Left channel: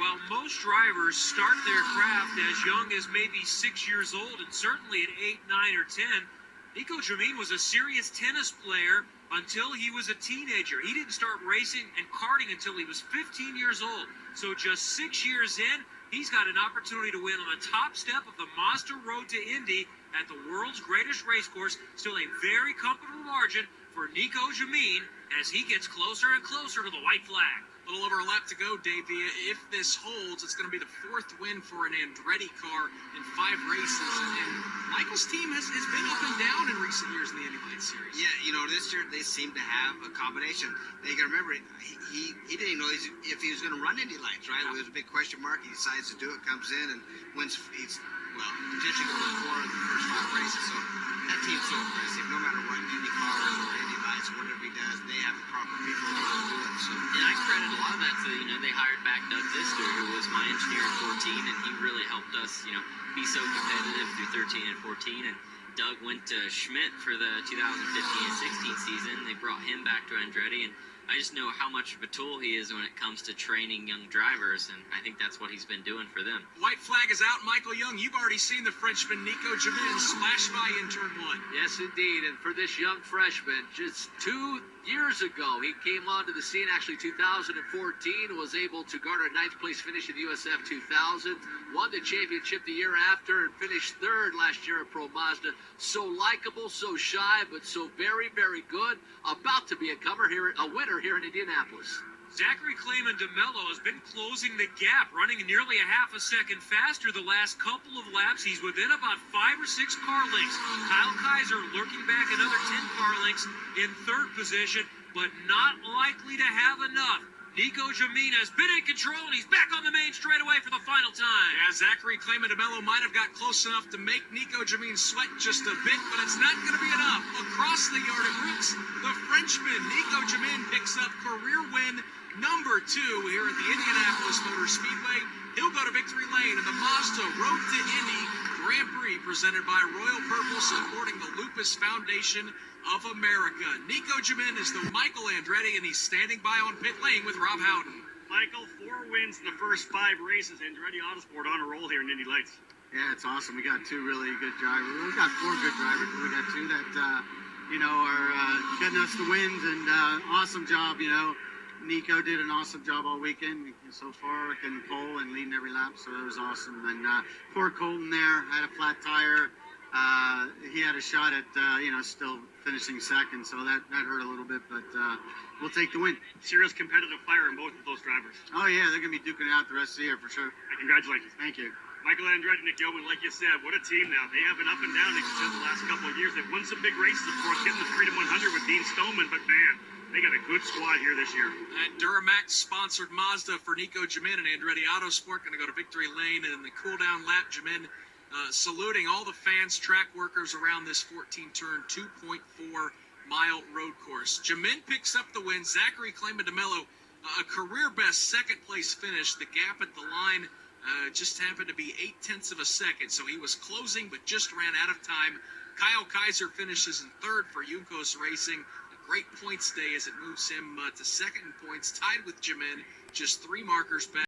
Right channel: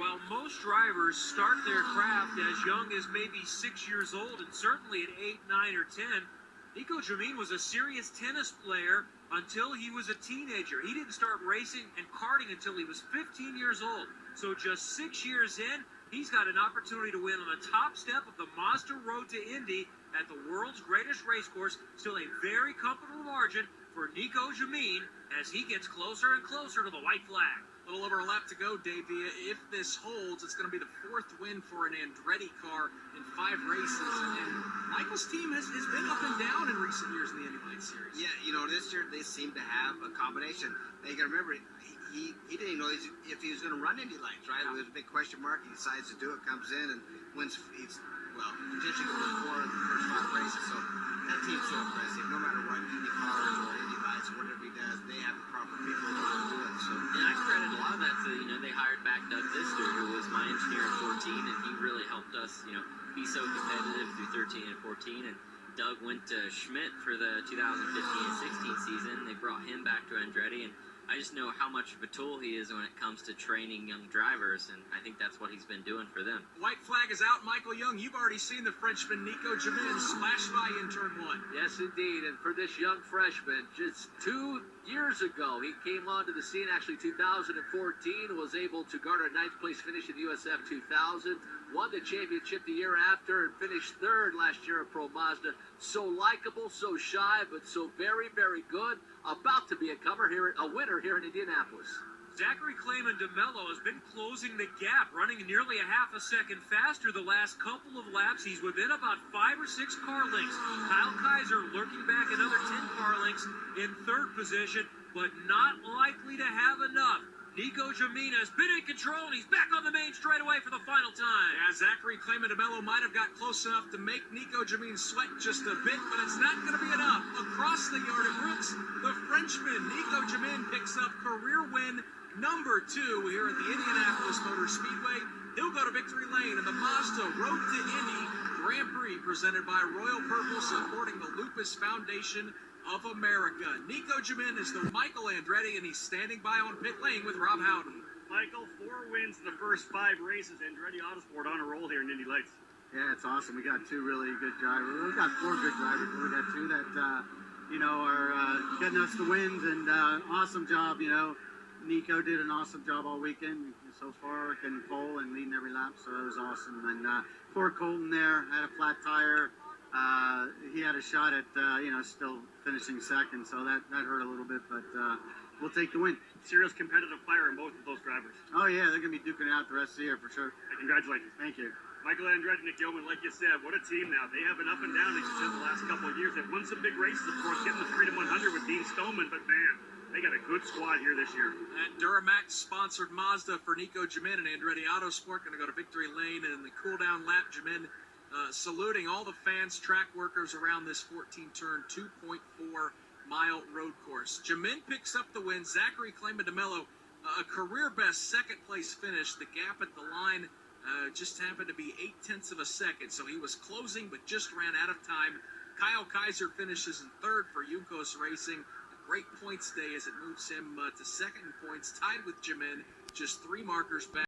While most drivers start their craft as young as maybe 6 years old, and certainly at 8, 9, or 10, Nico Jamin was a serious tennis player until he was a teenager. He didn't start racing and karting until he was 15 years old. So just 6 years in, he's got an opportunity to win on the top step of the Mazda Road to Indy at the world's greatest race course. Still a very comfortable margin for Nico Jamin as he gets closer and closer to the white flag. A little over a lap to go, Davey. If this holds, it's going to be the 4th win for an Andretti car in 5 races. And Michael's team has been up and down in recent years in the IndyLights series. Yeah, you know, this year they seem to have a combination. Now, you got to remember, he didn't even know if he was going to run IndyLights, right? Yeah. It was a big question mark. He decides to do it, comes in, and wins. He's, potentially goes 4 of the first 5 races. So that team's so impressive. No matter what, Indy cars or IndyLights or whatever he does, they have the proper people to do it. So. And I credit a lot of that to, they hired back Doug Fister, who was my engineer in 14, and he really helped us, be so competitive through 13 and 14. And Doug went to Schmidt for the 2015 and 16 season. They brought him back to Andretti, and I just know how much of a tool he is when it comes to training young drivers, and I think that's what he's been doing for them. White flag is out. Michael Young, you've already seen the Frenchman Nico Jamin smash by in turn 1. Yes, indeed. And for this young freshman, just 2 years ago, he came onto the scene, actually 2014, was able to garner a 9th place finish in the USF 2000, won the championship the year after, and finished 3rd last year at Pro Mazda. So likable, so shy, but so very, very good. About to be a winner here in Indianapolis. Zachary Clayman DeMello has been closing the gap, running nearly a half a second faster the last couple of laps. He's within about 5 or 6 car lengths. Kyle Kaiser lurking back another 10 car lengths in 3rd position, but not likely to have enough. Nico Jamin has been in control, and he's back on the main straightaway for the final time. Yeah, Zachary Clayman DeMello might have got close enough to make Nico Jamin sweat just a bit, but it's not going to be enough. Across the yard at Brooks, the Frenchman Nico Jamin picks up career win number 2 here at the Indianapolis Motor Speedway. He'll go to victory lane in the Mazda Road to Indy Grand Prix presented by Royal Purple, supporting the Lupus Foundation of America. Nico Jamin is the Michael Andretti, and he's standing by on pit lane with Rob Howden. Michael, 4 wins in the first 5 races. Andretti Autosport on a roll here in IndyLights. Yeah, it's awesome. We got 2 really good drivers. We got 4 good drivers, but we got 2 that, are getting us the wins, and awesome job, Nico did an awesome job all weekend so far, getting pole and leading every lap, so that was awesome. And poor Colton there had a flat tire. He had a shot at, still finishing 2nd, so that hurt a little bit, but we'll take the win. Serious competitive fire in both of those drivers. Oh, yeah, they're going to be duking it out the rest of the year for sure. Congratulations. Thank you. Michael Andretti, Nick Yeoman, like you said, what a team now. They have been up and down, like you said, the last couple of years. They've won some big races, of course, getting the Freedom 100 with Dean Stoneman, but man, they got a good squad here this year. And Duramax-sponsored Mazda for Nico Jamin and Andretti Autosport going to go to victory lane, and in the cool-down lap, Jamin saluting all the fans, track workers around this 14-turn, 2.4-mile road course. Jamin picks up the win. Zachary Clayman DeMello, a career-best 2nd-place finish. The gap at the line just happened to be 0.8 of a second, so he was closing but just ran out of time. Kyle Kaiser finishes in 3rd for Juncos Racing. A great points day as it moves him to 2nd in points, tied with Jamin, just 3 markers back.